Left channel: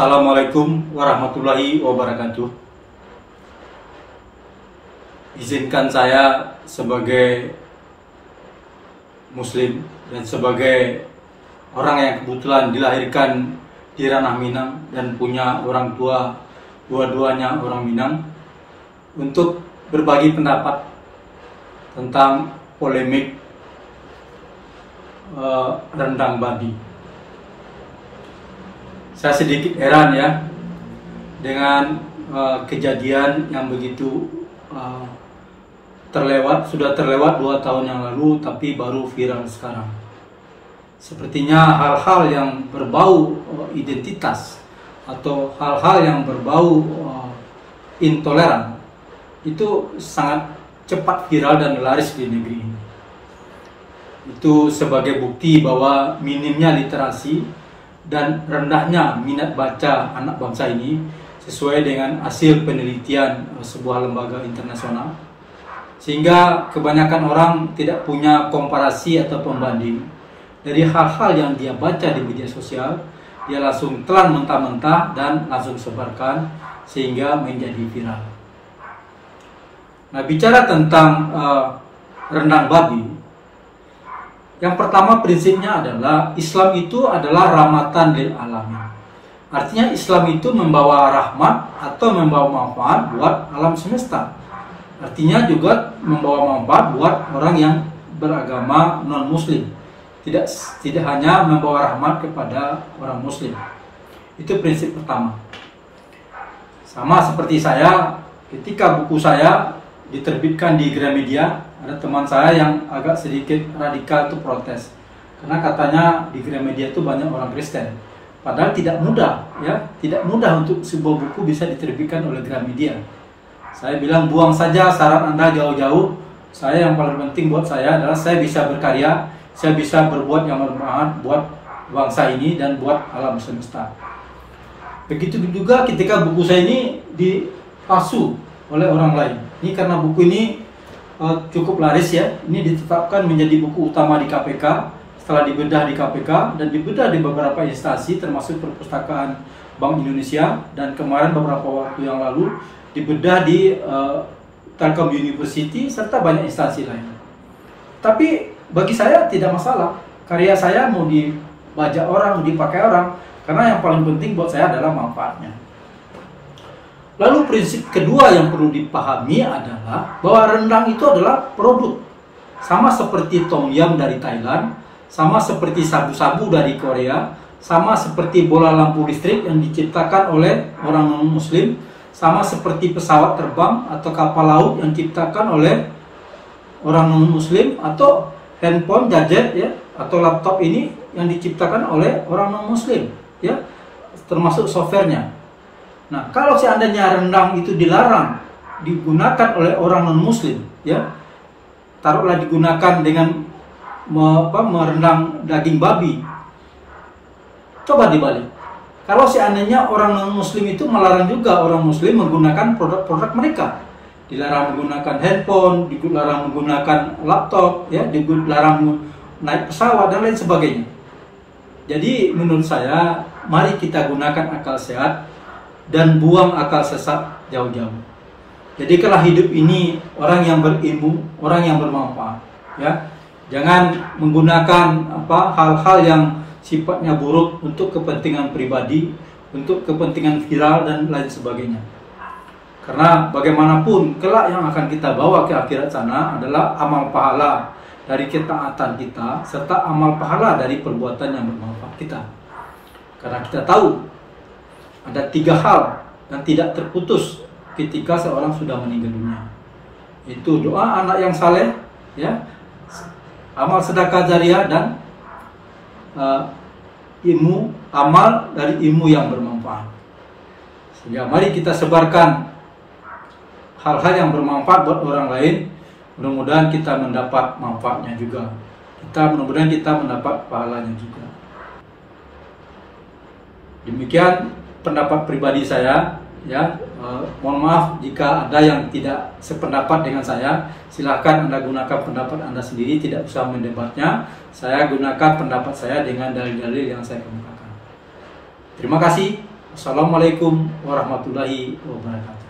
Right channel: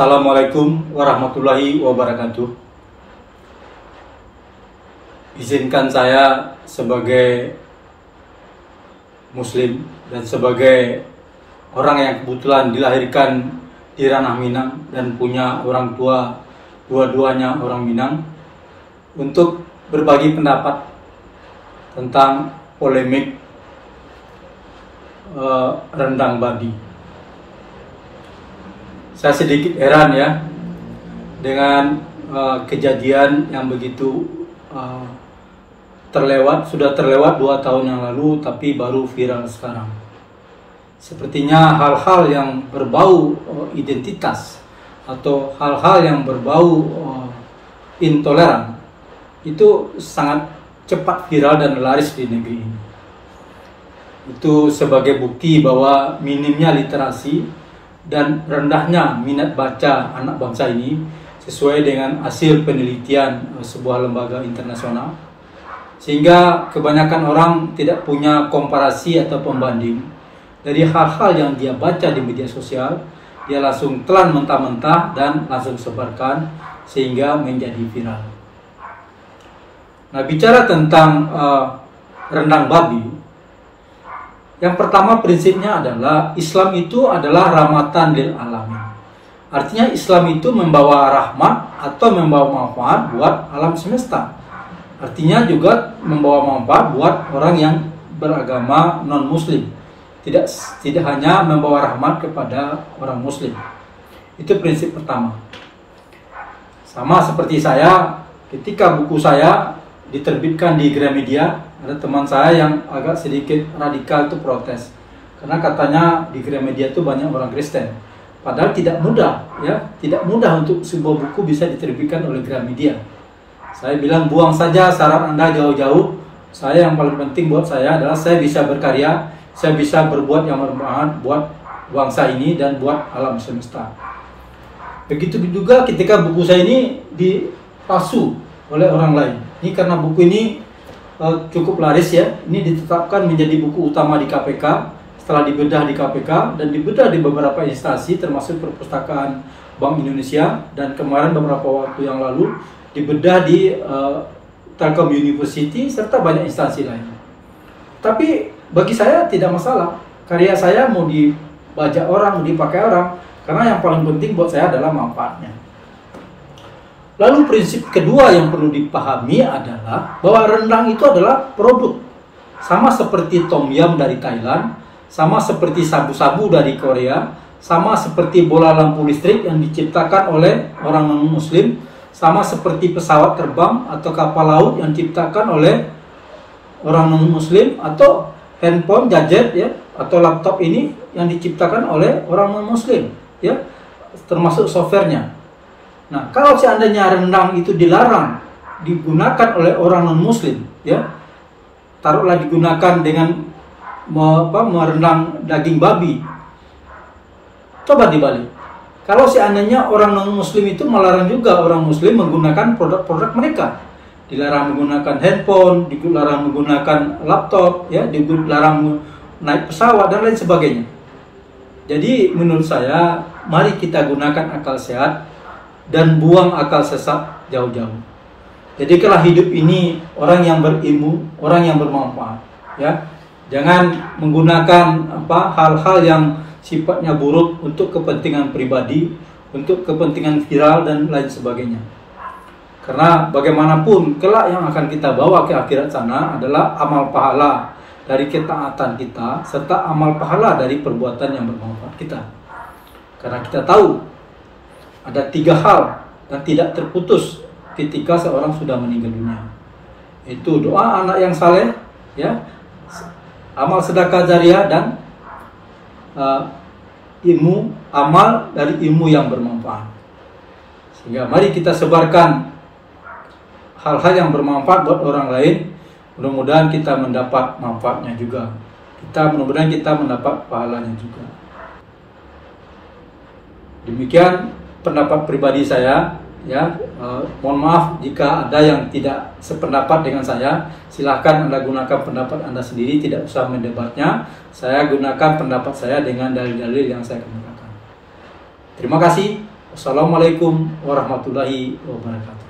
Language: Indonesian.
Assalamualaikum warahmatullahi wabarakatuh. Izinkan saya sebagai Muslim dan sebagai orang yang kebetulan dilahirkan di ranah Minang dan punya orang tua dua-duanya orang Minang untuk berbagi pendapat tentang polemik rendang babi. Saya sedikit heran ya dengan kejadian yang begitu sudah terlewat 2 tahun yang lalu tapi baru viral sekarang. Sepertinya hal-hal yang berbau identitas atau hal-hal yang berbau intoleran itu sangat cepat viral dan laris di negeri ini. Itu sebagai bukti bahwa minimnya literasi dan rendahnya minat baca anak bangsa ini sesuai dengan hasil penelitian sebuah lembaga internasional, sehingga kebanyakan orang tidak punya komparasi atau pembanding dari hal-hal yang dia baca di media sosial. Dia langsung telan mentah-mentah dan langsung sebarkan sehingga menjadi viral. Nah, bicara tentang rendang babi, yang pertama prinsipnya adalah Islam itu adalah rahmatan lil alamin. Artinya Islam itu membawa rahmat atau membawa manfaat buat alam semesta. Artinya juga membawa manfaat buat orang yang beragama non-muslim. Tidak hanya membawa rahmat kepada orang muslim. Itu prinsip pertama. Sama seperti saya, ketika buku saya diterbitkan di Gramedia, ada teman saya yang agak sedikit radikal itu protes karena katanya di Gramedia itu banyak orang Kristen, padahal tidak mudah ya, tidak mudah untuk sebuah buku bisa diterbitkan oleh Gramedia. Saya bilang buang saja saran Anda jauh-jauh. Saya yang paling penting buat saya adalah saya bisa berkarya, saya bisa berbuat yang bermanfaat buat bangsa ini dan buat alam semesta. Begitu juga ketika buku saya ini dipalsu oleh orang lain. Ini karena buku ini cukup laris ya. Ini ditetapkan menjadi buku utama di KPK setelah dibedah di KPK dan dibedah di beberapa instansi termasuk Perpustakaan Bank Indonesia, dan kemarin beberapa waktu yang lalu dibedah di Telkom University serta banyak instansi lain. Tapi bagi saya tidak masalah. Karya saya mau dibaca orang, mau dipakai orang, karena yang paling penting buat saya adalah manfaatnya. Lalu prinsip kedua yang perlu dipahami adalah bahwa rendang itu adalah produk. Sama seperti tom yum dari Thailand, sama seperti sabu-sabu dari Korea, sama seperti bola lampu listrik yang diciptakan oleh orang non-muslim, sama seperti pesawat terbang atau kapal laut yang diciptakan oleh orang non-muslim, atau handphone, gadget ya, atau laptop ini yang diciptakan oleh orang non-muslim ya, termasuk softwarenya. Nah, kalau seandainya rendang itu dilarang digunakan oleh orang non-muslim, ya, taruhlah digunakan dengan merendang daging babi, coba dibalik. Kalau seandainya orang non-muslim itu melarang juga orang muslim menggunakan produk-produk mereka, dilarang menggunakan handphone, dilarang menggunakan laptop, ya, dilarang naik pesawat dan lain sebagainya. Jadi menurut saya, mari kita gunakan akal sehat dan buang akal sesat jauh-jauh. Jadi kalau hidup ini orang yang berilmu, orang yang bermanfaat, ya. Jangan menggunakan hal-hal yang sifatnya buruk untuk kepentingan pribadi, untuk kepentingan viral dan lain sebagainya. Karena bagaimanapun kelak yang akan kita bawa ke akhirat sana adalah amal pahala dari ketaatan kita serta amal pahala dari perbuatan yang bermanfaat kita. Karena kita tahu ada 3 hal dan tidak terputus ketika seorang sudah meninggal dunia. Itu doa anak yang saleh, ya, amal sedekah jariah, dan amal dari ilmu yang bermanfaat. Sehingga mari kita sebarkan hal-hal yang bermanfaat buat orang lain. Mudah-mudahan kita mendapat manfaatnya juga. Mudah-mudahan kita mendapat pahalanya juga. Demikian pendapat pribadi saya, ya. Mohon maaf jika ada yang tidak sependapat dengan saya. Silahkan Anda gunakan pendapat Anda sendiri, tidak usah mendebatnya. Saya gunakan pendapat saya dengan dalil-dalil yang saya kemukakan. Terima kasih. Wassalamualaikum warahmatullahi wabarakatuh.